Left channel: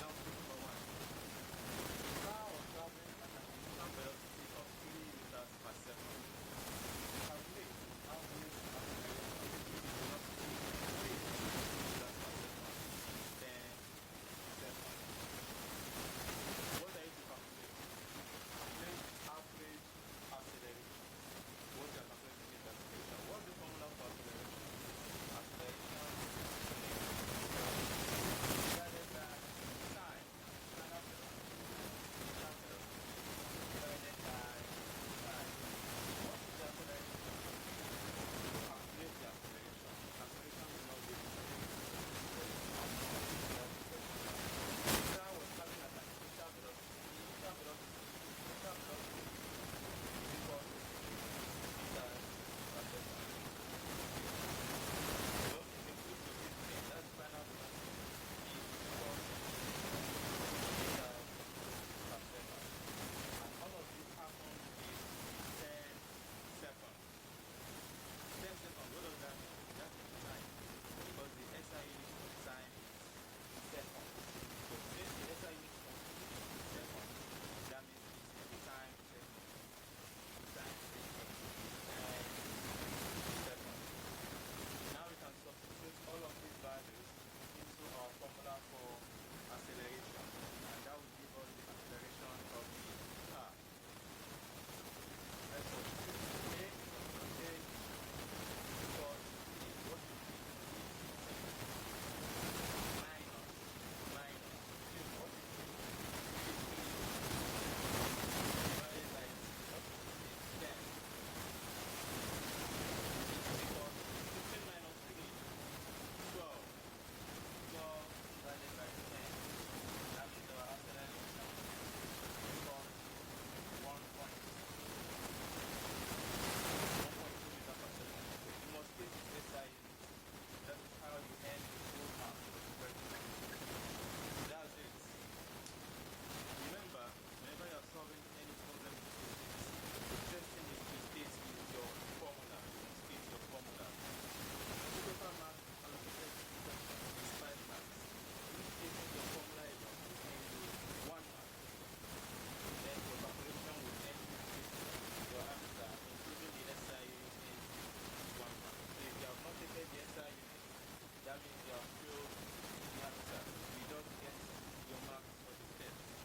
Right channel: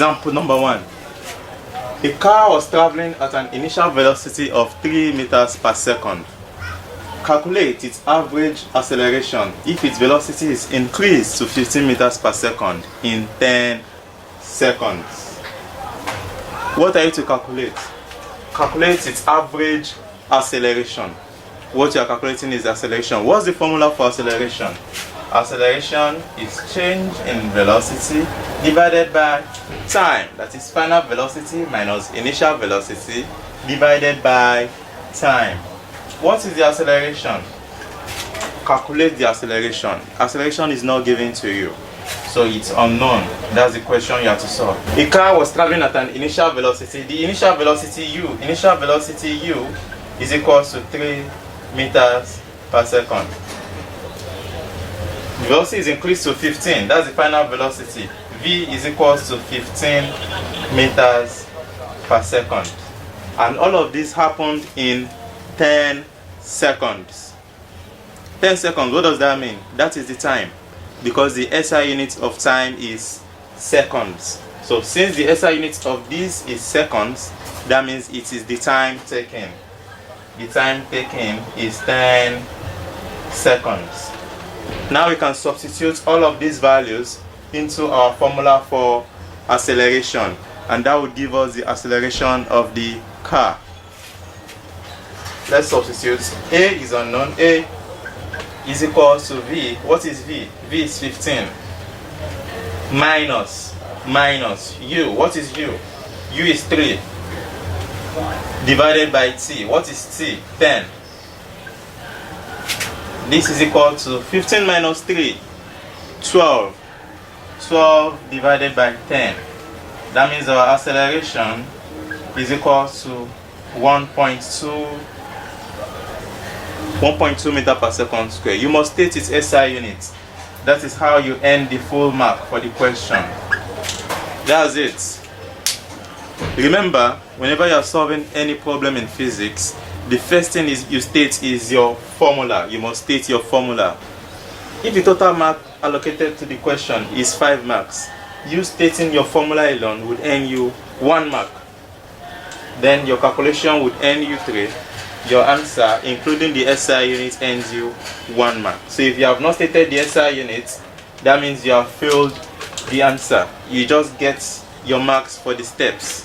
Example number 1. A car was traveling at an initial velocity of 3 meters per second. Calculate its average acceleration if its velocity is increased to 15 meters per second in 10 seconds. What are you to calculate? Calculate its average acceleration. What you are calculating is acceleration. What's the formula for acceleration? Acceleration is change in velocity divided by time. That is final velocity minus initial velocity divided by time. What is the acceleration? Calculate the acceleration. Acceleration is not given to you, so it's unknown. That's the question you have to solve. A car was traveling at an initial velocity. The initial velocity u is equal to 3 meters per second. The velocity is increased to 15. That's the final velocity. V is equal to 15 meters per second. And all of this happened in 10 seconds. 10 seconds, what does that mean? That is the time, because the SI unit of time is seconds. So since the SI unit of this is seconds, that means it is the time taken. The time taken is 10 seconds. Now we can substitute all of these values into our formula for acceleration, and that would give us the acceleration of the car. Let's substitute. A is unknown. A is equal to V. What is V? V is 15. Minus U. What is U? U is 3. Divided by T. What is T? 10. This is equal to 15 minus 3. 12. 12 divided by 10. That means our acceleration is equal to 1.2 meter per second square. You must state its SI unit. That is how you earn the full mark for the question. That's it. Remember, whenever you are solving any problem in physics, the first thing you state is your formula. You must state your formula. If the total mark allocated to the question is 5 marks, you stating your formula alone would earn you 1 mark. Then your calculation would earn you 3. Your answer, including the SI unit, earns you 1 mark. So if you have not stated the SI unit, that means you have failed the answer. You just get your marks for the steps.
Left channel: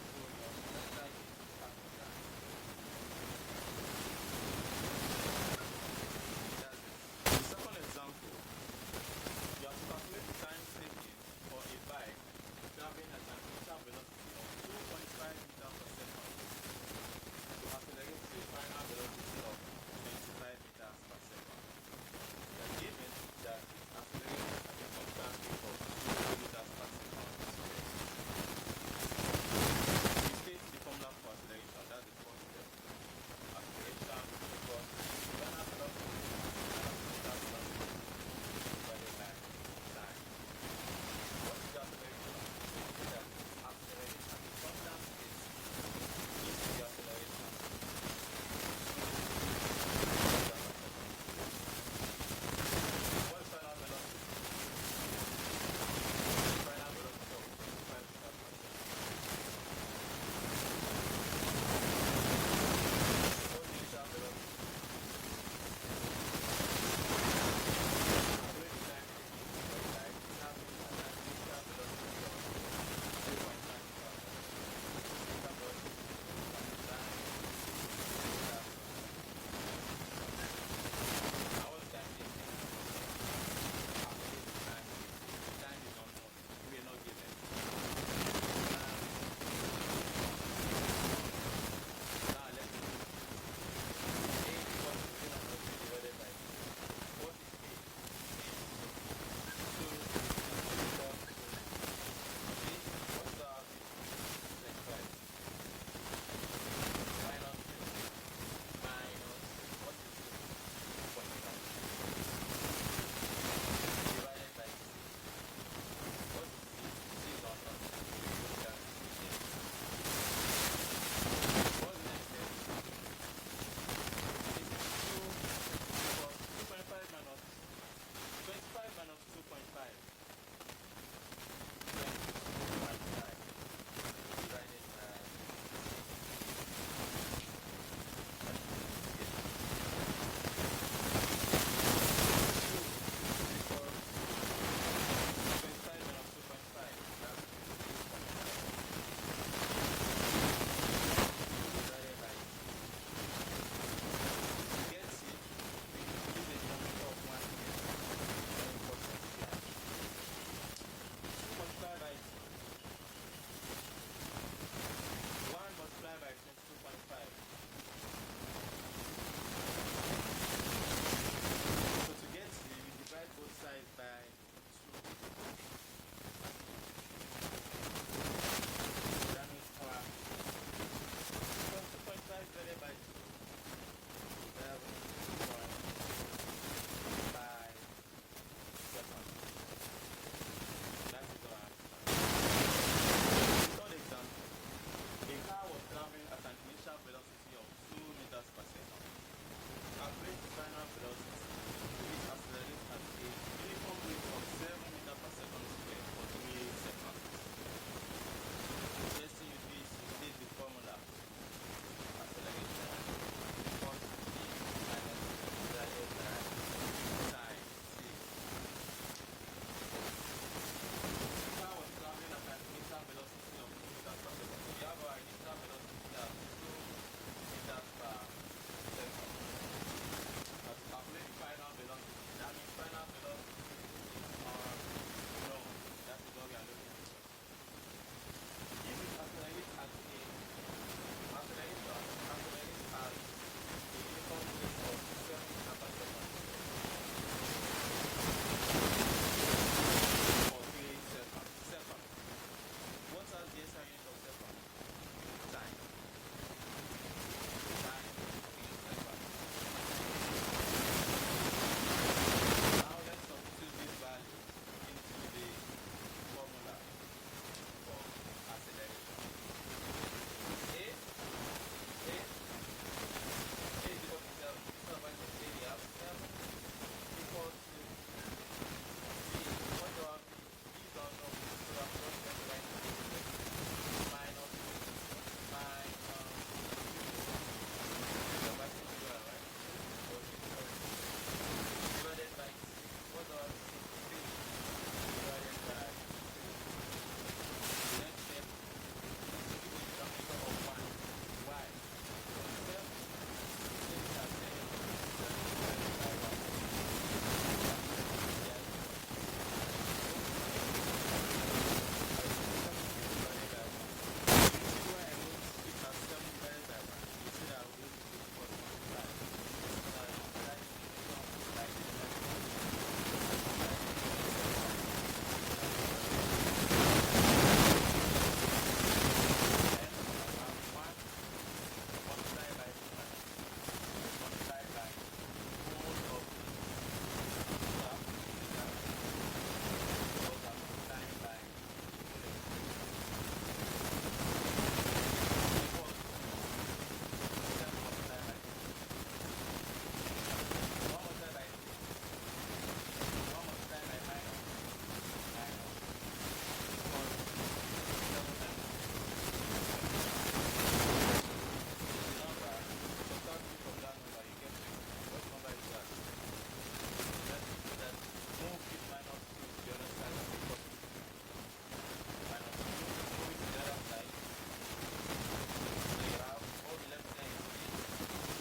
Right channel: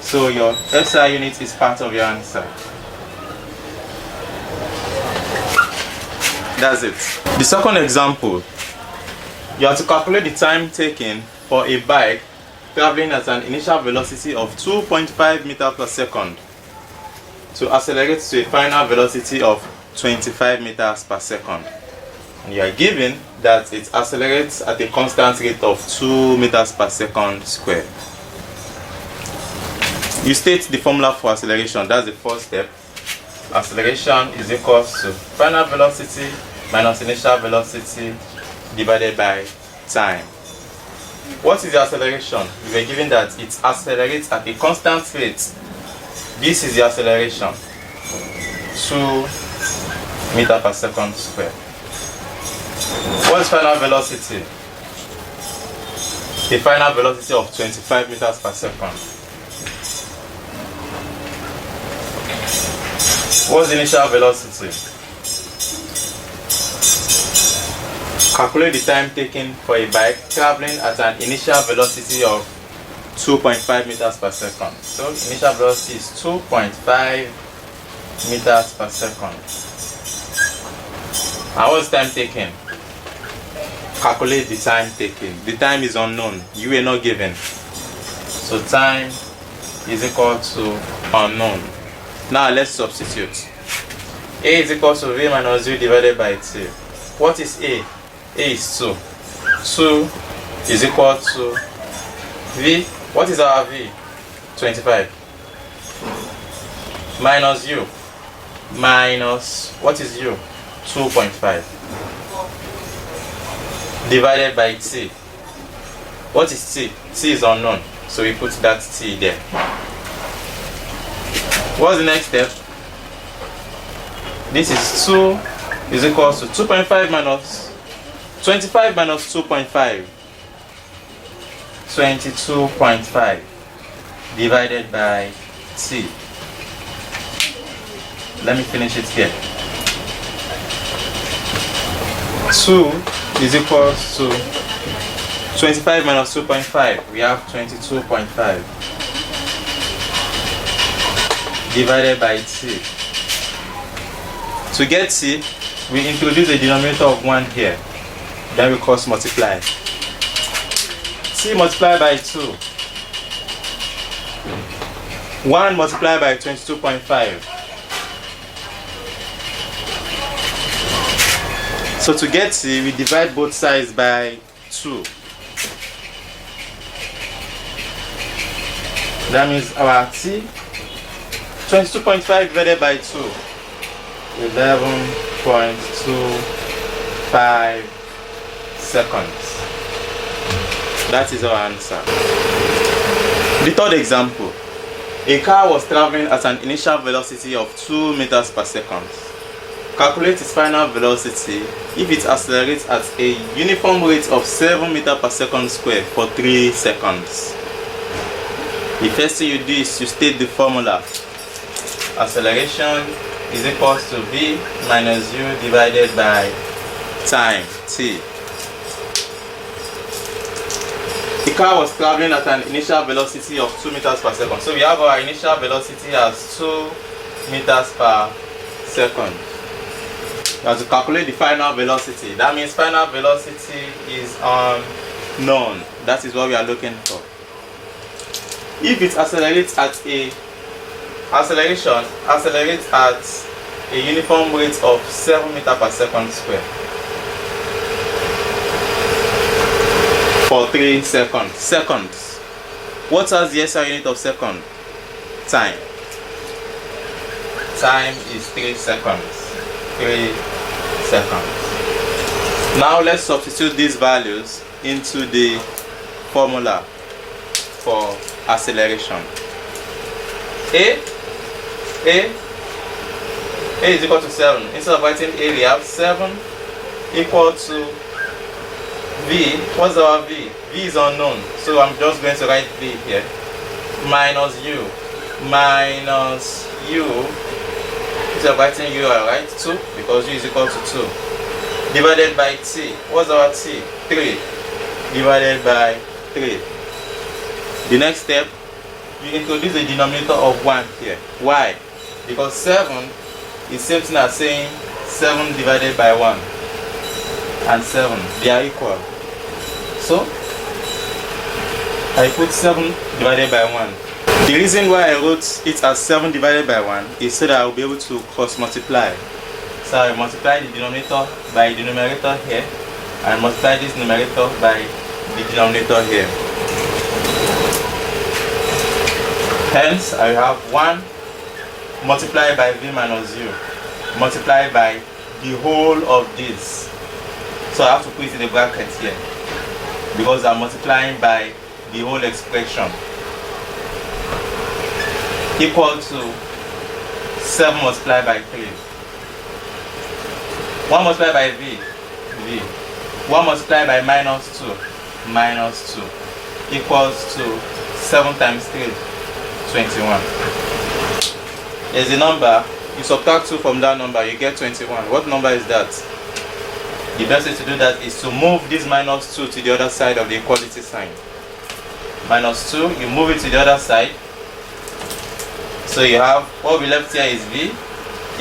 So your SI unit is part of your answer. That's it. The second example, you have to calculate the time taken for a bike traveling at an initial velocity of 2.5 meters per second to accelerate to a final velocity of 25 meters per second. And you are given that it accelerates at a constant rate of 2 meters per second squared. You state the formula for acceleration. That's the first step. Acceleration is equal to final velocity minus initial velocity divided by time. What is the acceleration? We were given that it accelerates at a constant rate. This is the acceleration, 2 meters per second squared. What is final velocity? The final velocity of 25 meters per second. What's the initial velocity? Calculate the time taken for a bike traveling at an initial velocity of 2.5 meters per second. So initial velocity is 2.5 meters per second. And what's time taken? Calculate the time taken. The time is unknown. You were not given. So time is equal to unknown. Now let's substitute. A is equal to V minus U divided by T. What is A? A is 2. 2 is equal to V. What is our V? 25. Minus U. Minus, what is U? 2.5. Divided by T. What is T? T is unknown. So we put that T there. What's the next step? This is 2 is equal to 2.5 minus 25 minus 2.5. 22.5 divided by t. Let me finish it here. 2 is equal to 25 minus 2.5. We have 22.5 divided by t. To get t, we introduce a denominator of 1 here. Then we cross multiply. T multiplied by 2. 1 multiplied by 22.5. So to get t, we divide both sides by 2. That means our t, 22.5 divided by 2, 11.25 seconds. That is our answer. The third example. A car was traveling at an initial velocity of 2 meters per second. Calculate its final velocity if it accelerates at a uniform rate of 7 meters per second square for 3 seconds. The first thing you do is you state the formula. Acceleration is equal to v minus u divided by time, t. The car was traveling at an initial velocity of 2 meters per second. So we have our initial velocity as 2 meters per second. We have to calculate the final velocity. That means final velocity is unknown. That is what we are looking for. If it accelerates at a accelerates at a uniform rate of 7 meters per second square for 3 seconds. Seconds. What is the SI unit of second? Time. Time is 3 seconds. 3 seconds. Now let's substitute these values into the formula for acceleration. A is equal to 7. Instead of writing A, we have 7 equal to V. What's our V? V is unknown, so I'm just going to write V here. Minus U. Minus U. Instead of writing U, I write 2 because U is equal to 2. Divided by T. What's our T? 3. Divided by 3. The next step, you introduce a denominator of 1 here. Why? Because 7 is same thing as saying 7 divided by 1 and 7. They are equal. So, I put 7 divided by 1. The reason why I wrote it as 7 divided by 1 is so that I will be able to cross multiply. So I multiply the denominator by the numerator here and multiply this numerator by the denominator here. Hence, I have 1 multiplied by v minus u multiplied by the whole of this. So I have to put it in the bracket here because I'm multiplying by the whole expression, equal to 7 multiplied by 3. 1 multiplied by v, 1 multiplied by minus 2, equals to 7 times 3, 21. There's a number, you subtract 2 from that number, you get 21. What number is that? The best way to do that is to move this minus 2 to the other side of the equality sign. Minus 2, you move it to the other side. So you have, what we left here is v,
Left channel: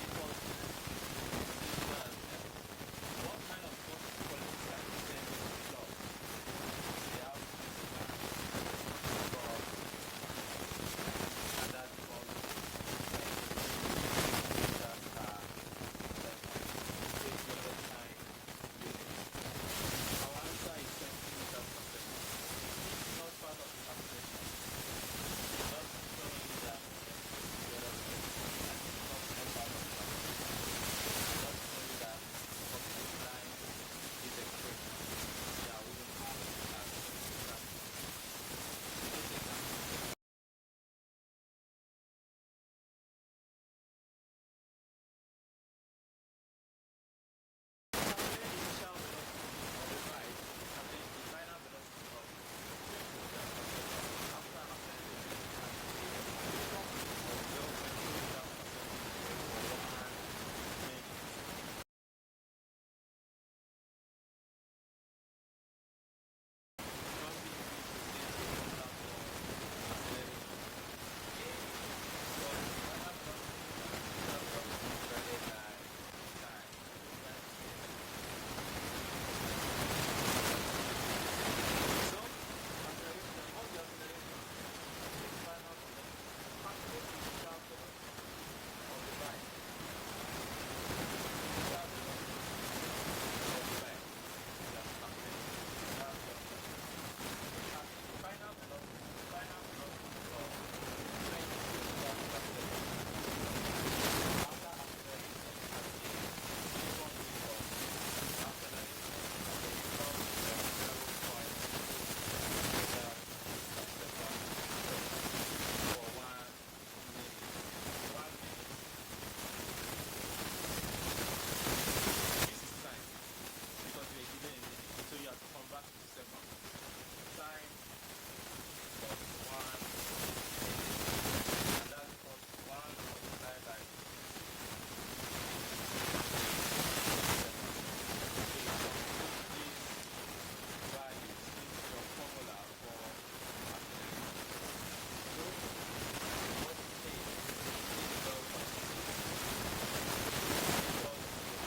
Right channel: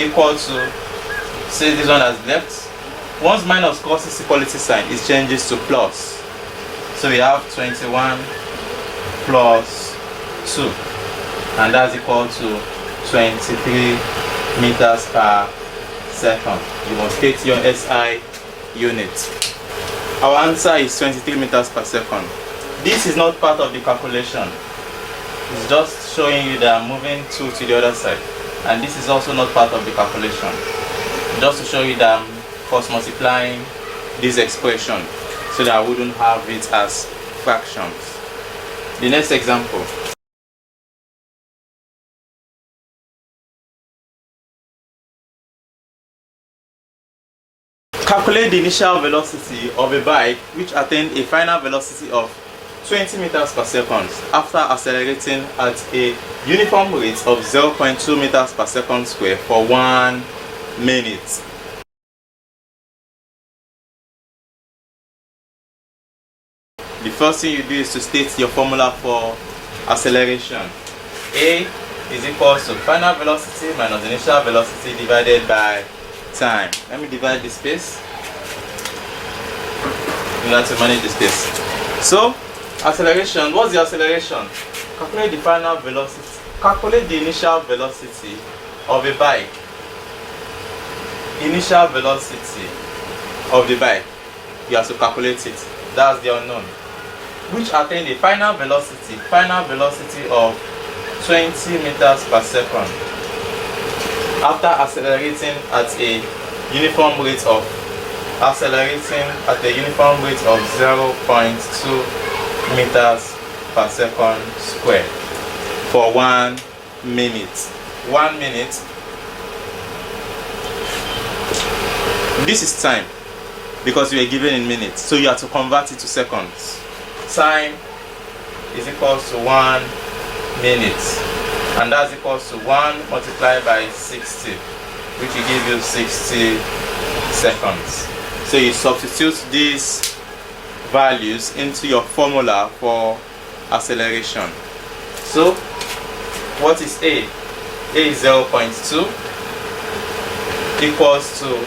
equal to, say this one as left. Once minus crosses equality sign, it changes to plus. So we have 21 plus 2. And that's equal to 23 meters per second. You must state your SI unit. Our answer is 23 meters per second. This is not part of the calculation. It's just showing you that I'm moving 2 to the other side. And this is also not part of the calculation. Just to show you that I'm cross multiplying this expression so that I wouldn't have it as fractions. The next example. Calculate the initial velocity of a bike which attained a final velocity of 20 meters per second after accelerating at a uniform rate of 0.2 meters per second square for 1 minute. The first thing you do is to state your formula for acceleration. A is equals to final velocity minus initial velocity divided by time. Let me divide the space in order to manage the space. So, acceleration, what's the acceleration? Calculate the final velocity. Calculate the initial velocity of a bike. Initial velocity of the bike. You have to calculate it. That's the unknown. Which attained a final velocity of 20 meters per second after accelerating at a uniform rate of 0.2 meters per second square for 1 minute. 1 minute. This is time because we are given in minutes, so you have to convert it to seconds. Time is equals to 1 minute, and that's equals to 1 multiplied by 60, which will give you 60 seconds. So you substitute these values into your formula for acceleration. So what is A? A is 0.2 equals to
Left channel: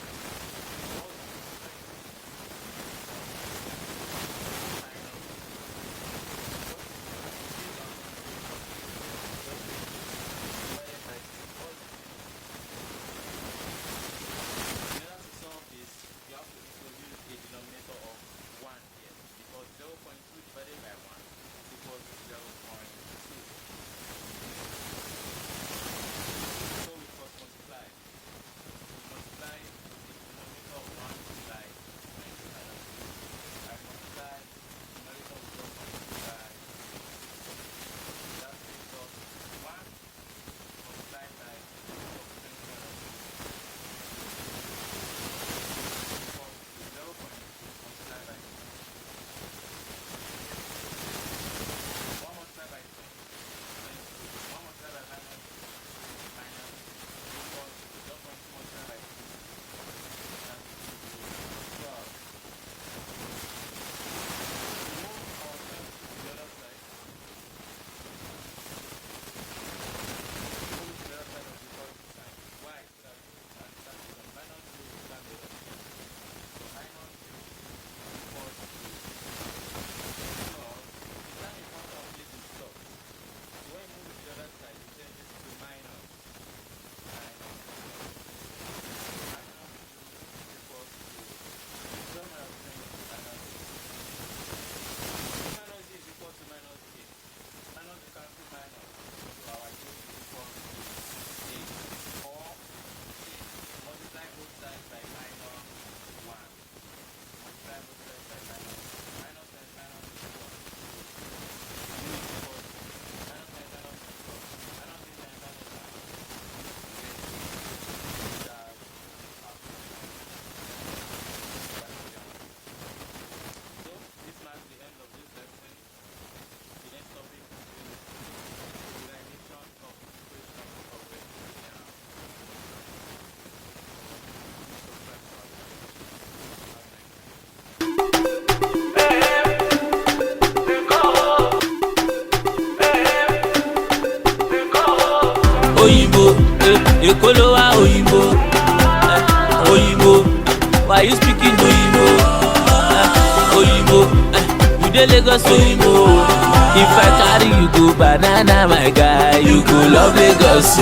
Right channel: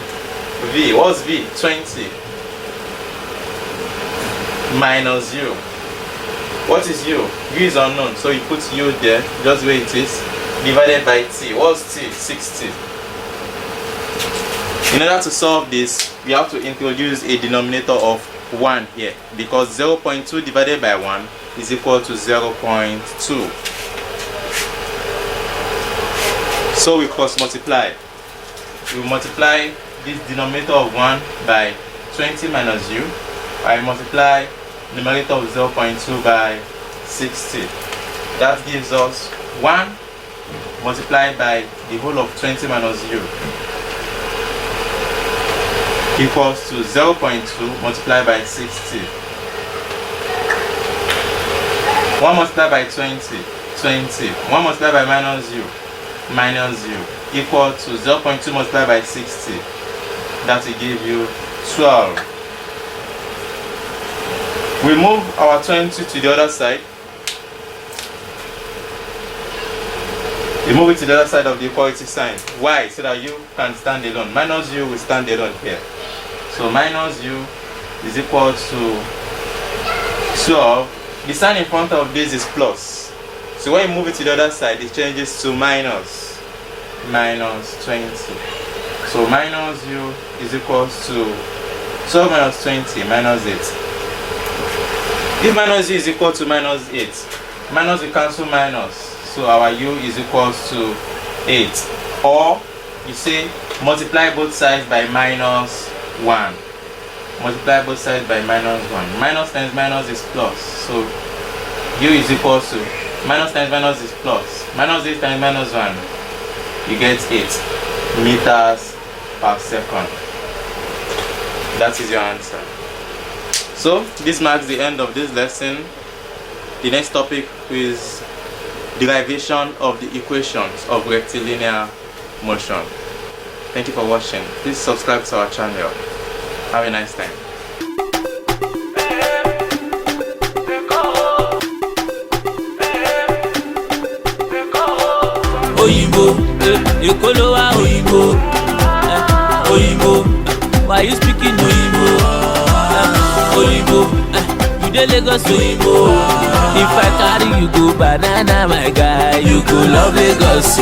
V. What's V? 20 minus 0. What is U? U is unknown, so you put U there, just where it is, divided by T. What's T? 60. In order to solve this, we have to introduce a denominator of 1 here, because 0.2 divided by 1 is equal to 0.2. So we cross multiply. We multiply this denominator of 1 by 20 minus U. I multiply numerator of 0.2 by 60. That gives us 1 multiplied by the whole of 20 minus U equals to 0.2 multiplied by 60. 1 multiplied by 20, 20. 1 multiplied by minus U equal to 0.2 multiplied by 60. That will give you 12. We move our 20 to the other side. We move it to the other side of the equality sign. Why? So that U can stand alone. Minus U will stand alone here. So minus U is equal to 12. The sign in front of this is plus. So when you move it to the other side, it changes to minus 20. So minus U is equal to 12 minus 20 minus 8. If minus U is equal to minus 8, minus we cancel minus, so our U is equal to 8. Or you say multiply both sides by minus 1. Multiply both sides by minus 1. Minus times minus is plus, so U is equal to minus times minus is plus. Minus 8 times minus 1, you get 8 meters per second. That is your answer. So this marks the end of this lesson. The next topic is derivation of the equations of rectilinear motion. Thank you for watching. Please subscribe to our channel. Have a nice time. Oyibo, Ekolowa Oyibo, Oyibo. Why you speaking Oyibo? Oyibo, you dey Lagos Oyibo. If I carry you go banana, my guy, you go love Lagos.